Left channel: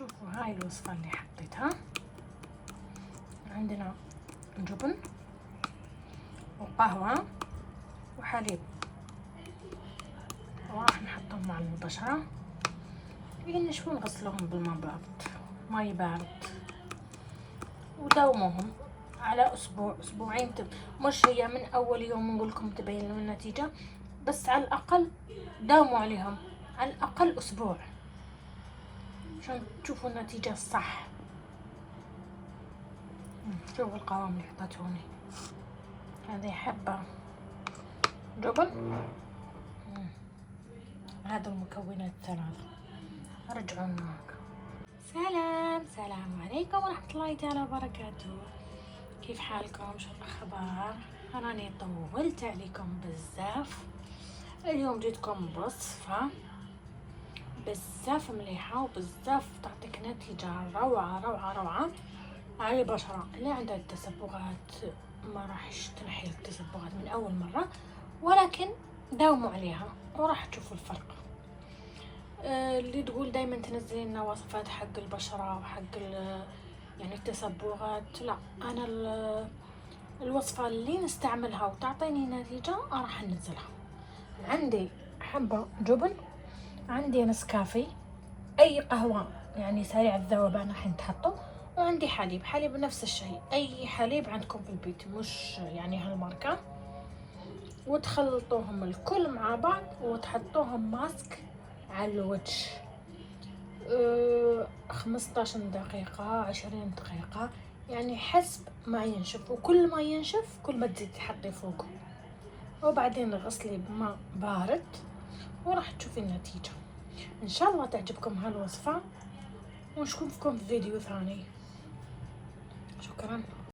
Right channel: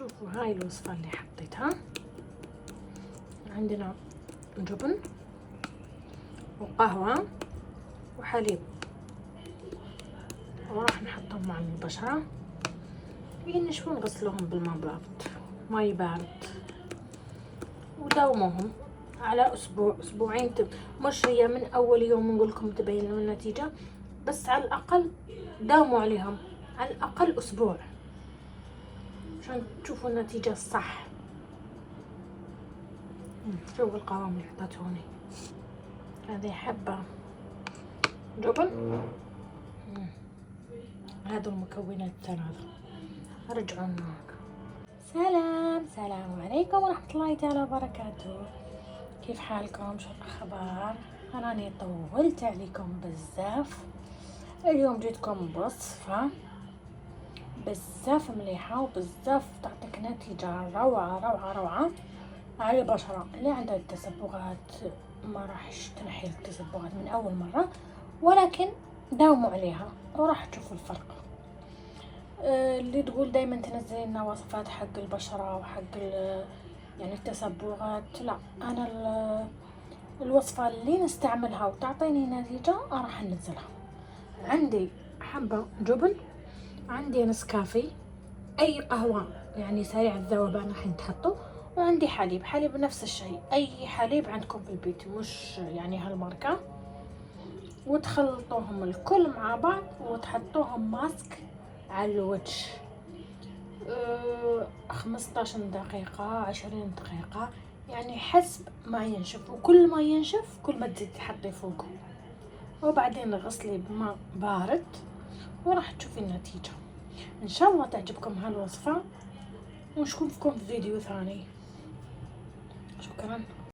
شوفوا هاي الوصفة اللي حطيتها. عندنا جبن وقهوة وحليب، وراح نحطهم مع البشرة ينشفون، نغسلوهم بالماء بارد، ماي بارد، وداوموهم على اسبوع اسبوعين. مش هي من اول يوم نقول لكم تبين لهم النتيجة، بس على الاقل داوموا عليهم على الاقل اسبوع عشان تشوفوا النتيجة الصح. شوفوا القوام اللي حطيتهوني، هذه حبة جبن، هذا المكونات الثلاثة. ارجعون معك. سلام عليكم ورحمة الله تعالى وبركاته. كيف حالكم؟ شو الأخبار؟ أناني طولت عليكم بزاف. اليوم جيتكم بوصفة بزاف مليحة وبزاف تعطيك نتيجة روعة على البشرة اللي عندها التسبغات. ما راحش تنحي التسبغات من أول مرة، ولكن داوموا عليها وراح تشوفوا الفرق. اللي تقول دايما تنزلين لنا وصفات حق البشرة وحق يعني التسبغات، لا، انا الوصفة اللي نستعملها وتعطيني نتيجة راح انزلها. عندي حبة جبن، عندي نسكافيه، اي قهوة يعني سريع الذوبان الحين تحطه، وعندي حليب نفس الشيء، اي حليب عندكم في البيت مش يعني هالماركة، وتخلطوهم الكل مع بعض وتحطوهم ماسك على الوجه 15 دقيقة 20 دقيقة، يعني حسب ما ينشف، وكل ما ينشف كل ما تزيد تحطي فوقه، وبعدين غسلي بماء بارد وراح تشوفي النتيجة. ان شاء الله تعجبكم هالوصفة، ونشوفكم في فيديو ثاني. شكرا.